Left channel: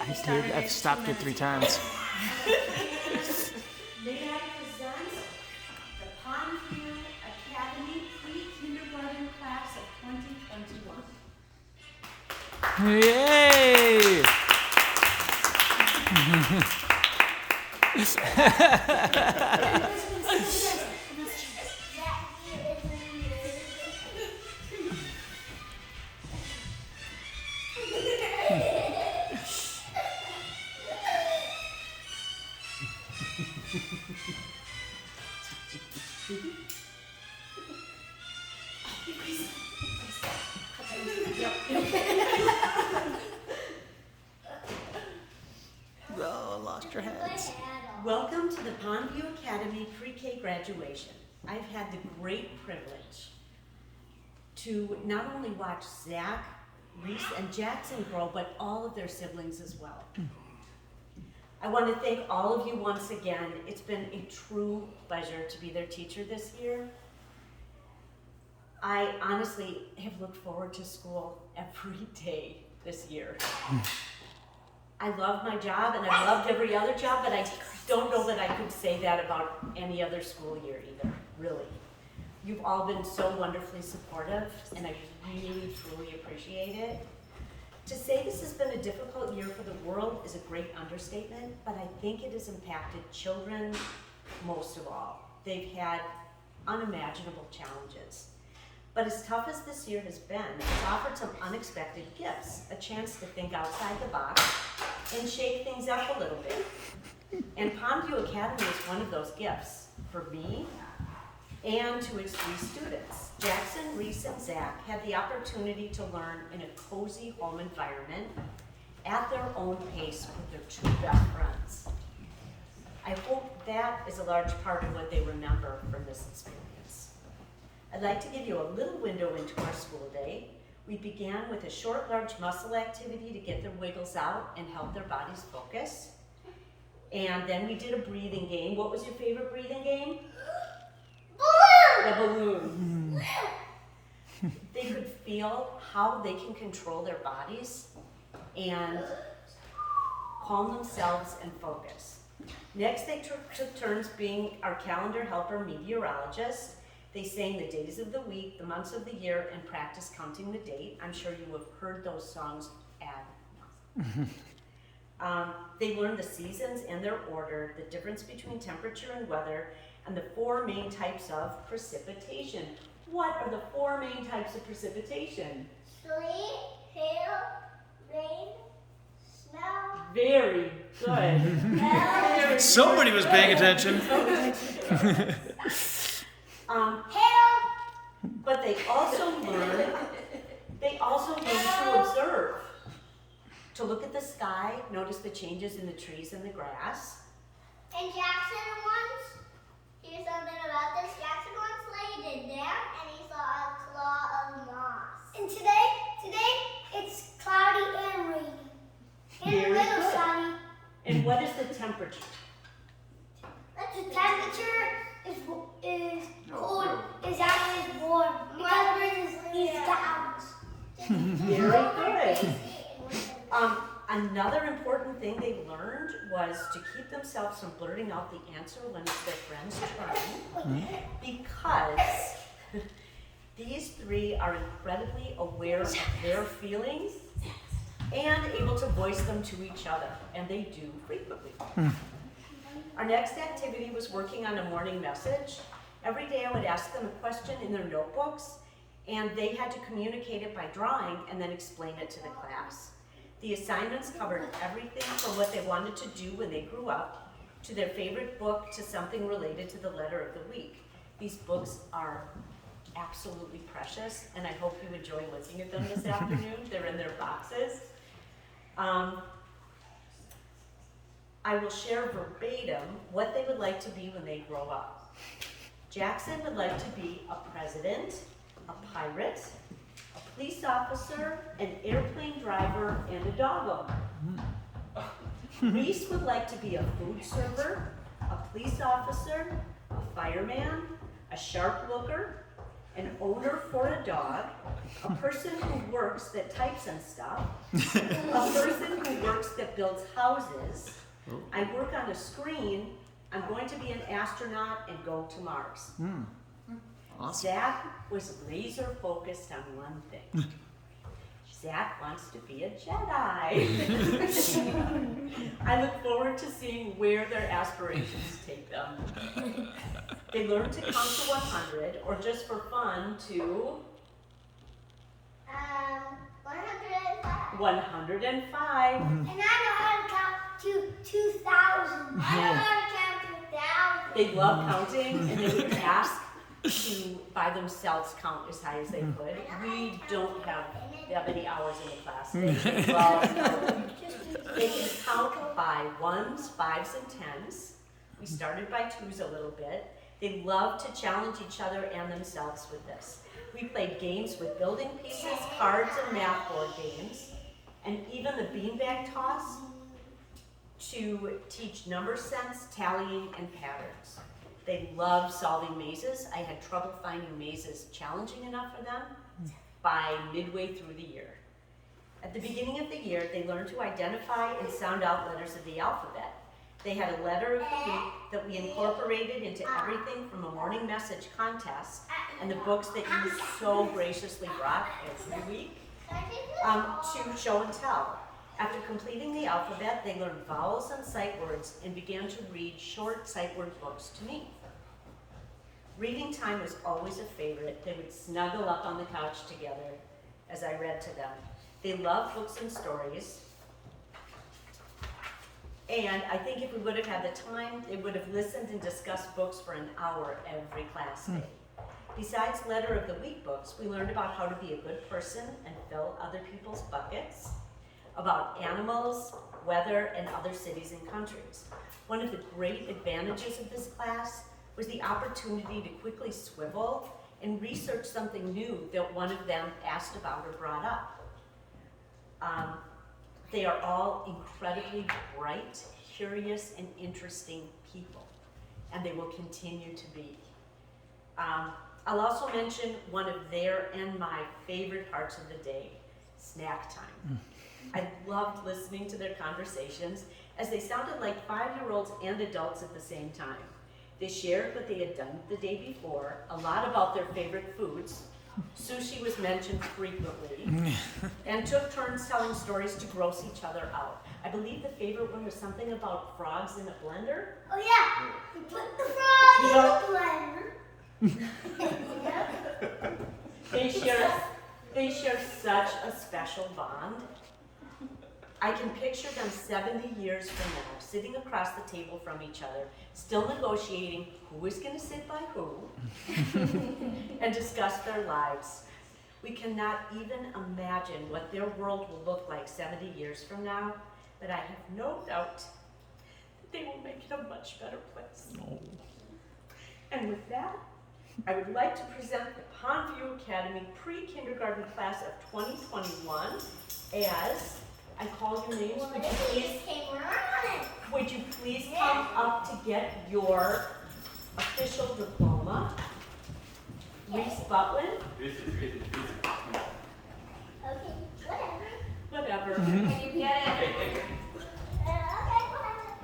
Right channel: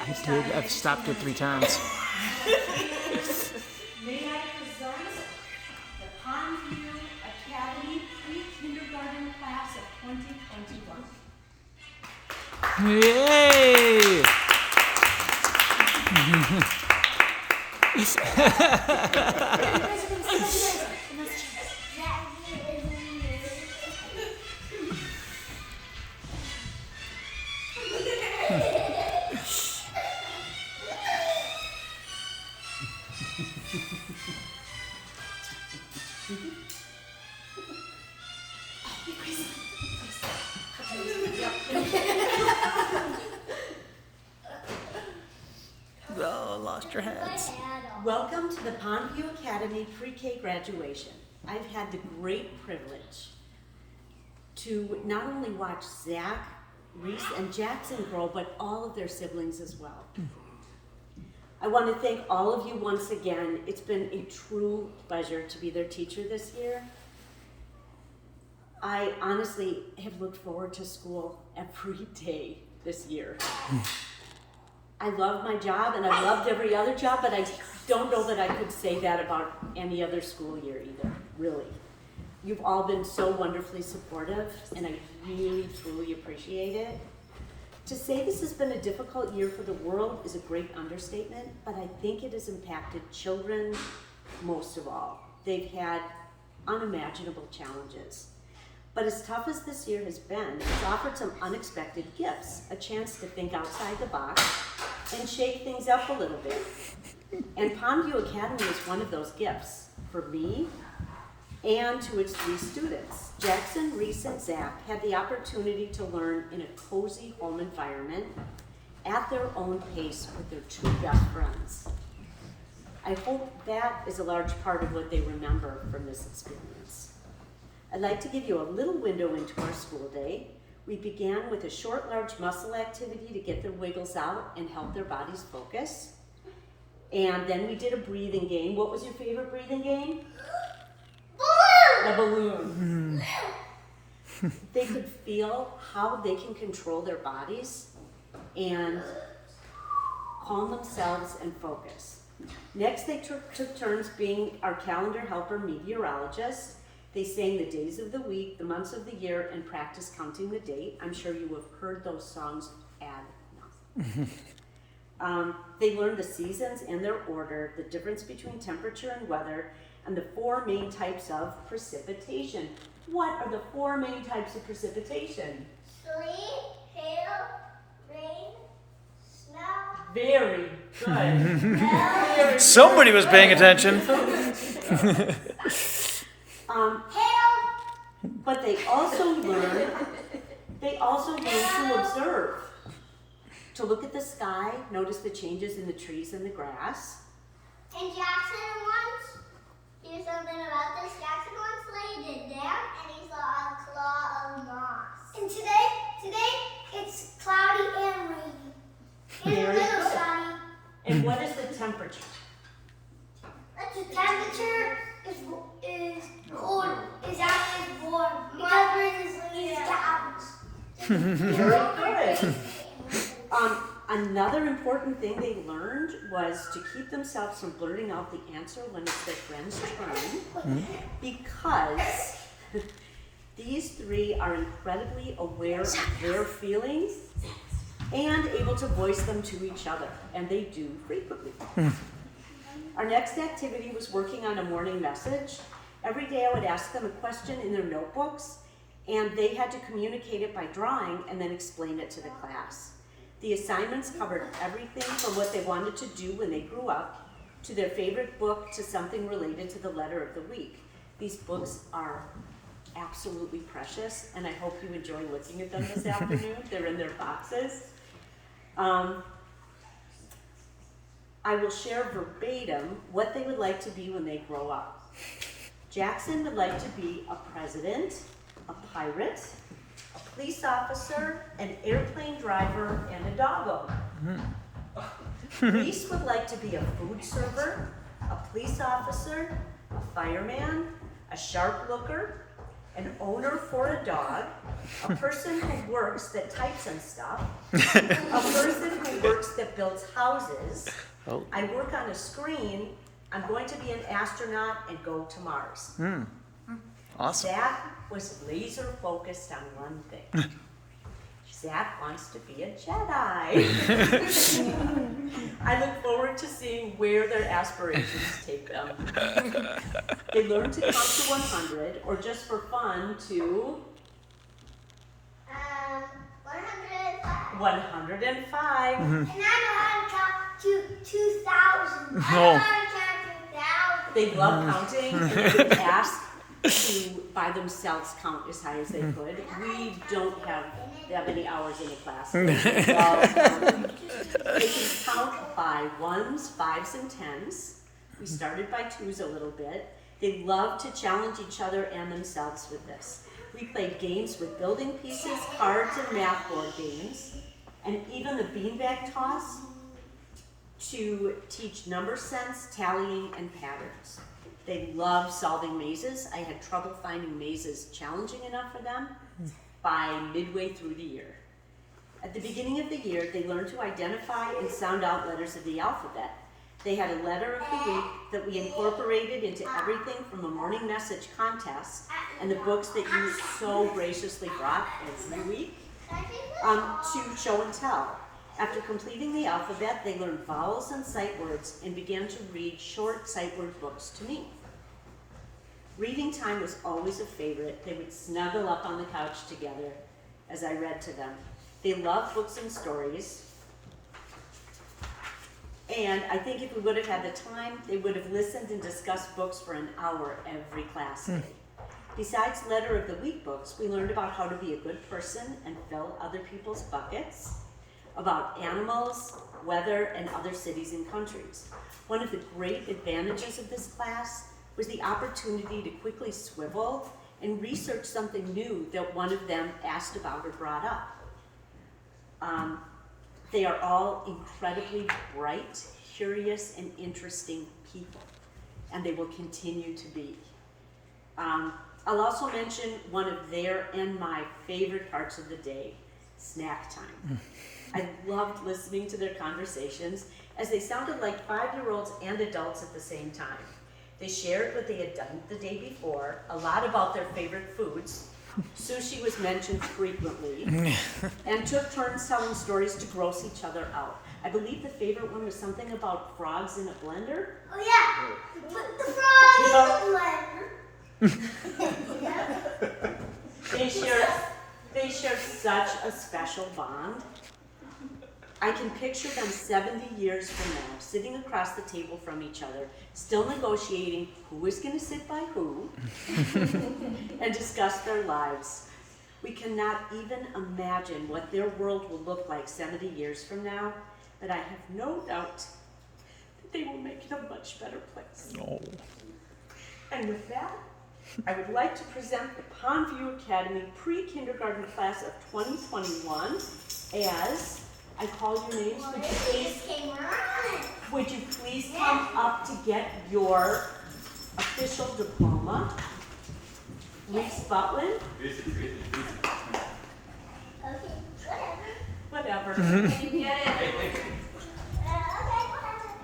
I did. I've stopped it 3 times. May I present the Pondview Academy pre-kindergarten class of 2021. Yay! Oh, lost your hats. Welcome to the Pondview Academy pre-K graduation. I've had the great privilege to not only watch Zach, Reese, and Jackson grow, but all of their siblings as well. I want to thank all of you once again. It's been a true pleasure to be their teacher this year. I honestly have looked forward to school every day this year. I love my job, and I've loved every other job, but I don't know that I could say that about any other school year either, really. You've all been so wonderfully supportive, and I really, truly appreciate it. To say this has been a difficult year for the world is a great understatement, but I think it has impacted children most of all. They've had unimaginable challenges. But as tough as this year has been, it's offered some unexpected gifts, a chance to think outside the box and shake things up a little bit. And Pondview Academy is one of those gifts for me and to its 3 students. Jackson, Reese, and Zach had the opportunity to learn in a cozy home environment at their own pace with their 2 best friends. I hope that is a large part of what they remember from this experience. I'd like to give you a little window into our school day. We began with a short, large muscle activity to get their wiggles out and help their bodies focus. And then we did a breathing game. What was your favorite breathing game? Balloon! A balloon. They could feel how they can control their bodies and calm themselves and focus. Next, they took turns being our calendar helper meteorologists. They sang the days of the week, the months of the year, and practiced counting the date. I'm sure you have heard those songs ad nauseam. They learned the seasons and their order, the difference between temperature and weather, and the 4 main types of precipitation. What are the 4 main types of precipitation? Sleet, hail, rain, snow. Very good. Somebody was paying attention. But they also learn to observe, to look at the sky, notice the changes in the trees and the grass. And Jackson once, here's something about this. Jackson once laid it down and he saw a claw of moss. And today it's cloudy and rainy. And Very a little good. sunny. And what is the temperature? The temperature is cold, is actually warm. Because he's cows. Very good. Another important thing they learned was to keep themselves from blurting out the answer when it's their friend's turn, because these 3 are incredibly aware of their feelings and able to voice them to each other, and they do frequently. Our next activity was working on a morning message. Every day I would ask them a question in their notebooks, and they had to communicate it by drawing and then explain it to the class. The assignments covered everything from what they wanted to do when they grew up, to their favorite book, to something related to the letter of the week. These books are absolutely precious, and I hope you enjoy looking at them this afternoon. They're in their boxes. I will share verbatim what they would like to be when they grow up. Jackson would like to be a president, a pirate, a police officer, an airplane driver, and a dog owner. Reese would like to be a food server, a police officer, a fireman, a shark looker, an owner for a dog, a person who works that types and stuff, a person who works that builds houses. Oh. I work on a screen. I'm going to be an astronaut and go to Mars. Awesome. Zach was laser focused on one thing. Zach wants to be a Jedi. I look forward to seeing where their aspirations take them. They learn to count to 100, or just for fun to 105. 105. And I know how to count to 2,000. I know Oh. how to count 2,000. They love counting, and they would ask to, by themselves, count as high as they could. We don't have that many hours in a class. They can count by ones, fives, and tens. We started by twos a little bit. They love to challenge each other and themselves with this. We played games with building pieces, cards, and math board games, and even a beanbag toss to teach number sense, tallying, and patterns. They love solving mazes. I had trouble finding mazes challenging enough for them by midway through the year. At the beginning of the year, they learned to identify and sound out letters of the alphabet. They had a letter of the week that we incorporated into everything from a morning message contest and the books that you so graciously brought every week to show and tell. After completing the alphabet, they learned vowels and sight words and began to read short sight word books to me. Reading time was always a favorite. They would snuggle up on the couch together as I read to them. They love books and stories. And I think if we would have had the time, they would have listened and discussed books for an hour every class day. Besides letter of the week books, we learned about how to be a good person and fill other people's buckets, about animals, weather, and other cities and countries. One of the great advantages of this class was the opportunity to quickly swivel and research something new that one of them asked about or brought up. They are all incredibly bright, curious, and interesting people, and they will continue to be. I'll also mention one of their and my favorite parts of the day, snack time. I loved listening to their conversations as they sounded like 5-year-olds and adults at the same time. They shared what they had done the day before, a lot about their favorite foods. Sushi was mentioned frequently, and took turns telling stories to gross each other out. I believe the favorite one was something about frogs in a blender. Oh yeah, put the frog in the blender. They share such a special bond. I can picture them 70 years from now, sitting across the table from each other, still negotiating who is going to sit by who, and discuss their lives. We cannot even imagine what their world will look like 70 years from now, but I have no doubt that they will make it a much better place. Oh. And with that, I would like to present the Pondview Academy pre-kindergarten class of 2021 as I call your names. Would you please come up to get your official diploma? Reese Butwin? Okay, Whatever. you get it. Hey, later. Okay,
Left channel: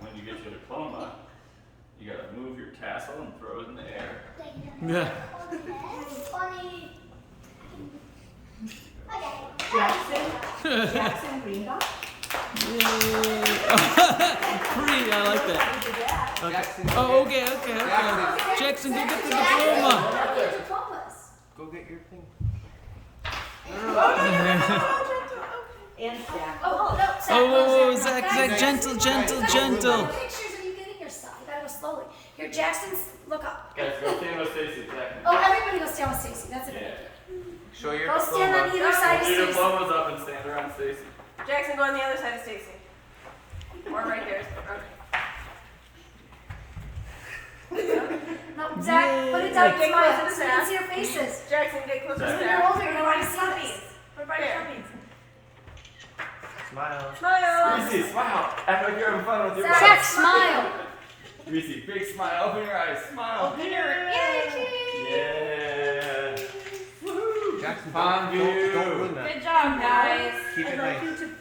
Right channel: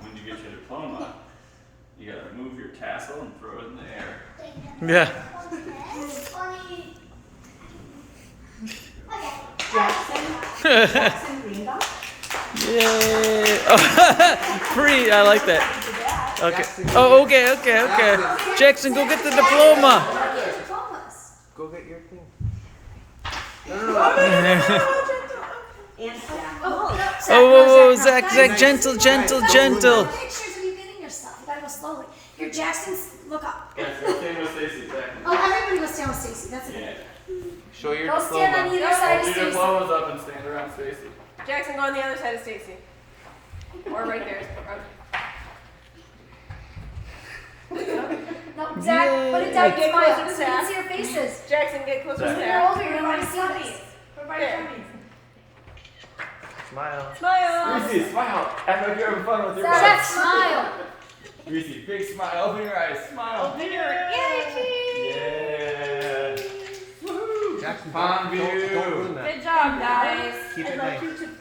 When you get your diploma, you gotta move your tassel and throw it in the air. Yeah. Jackson Greenbaum? Yay. Free. I like that. Okay. Oh, okay. Jackson, go get the diploma. Go get your thing. And Zach. Oh, Zach, gentle. Pictures of you getting your stuff. You gotta go slowly. Here, Jackson, look up. Guys, go stand with Stacy. Zach. Oh, everybody go stand with Stacy. That's it. Yeah. Show your Go stand on diploma. either side of Hold your Stacy. diplomas up and stand around Stacy. Jackson, go on the other side of Stacy. Or right there. No, Zach, put it down. Get Smile. closer to So you can Zach. see your faces. Jackson, get closer to You're Zach. older. You want to see this. There. Smile. Smile. Reese, smile. Act like you're having fun with your Zach, buddies. smile. Reese, big smile. Open your eyes. Smile. Yeah. Woo. Jackson, Pondview. don't ruin that. Good job, guys. Keep it I'd nice. like you to please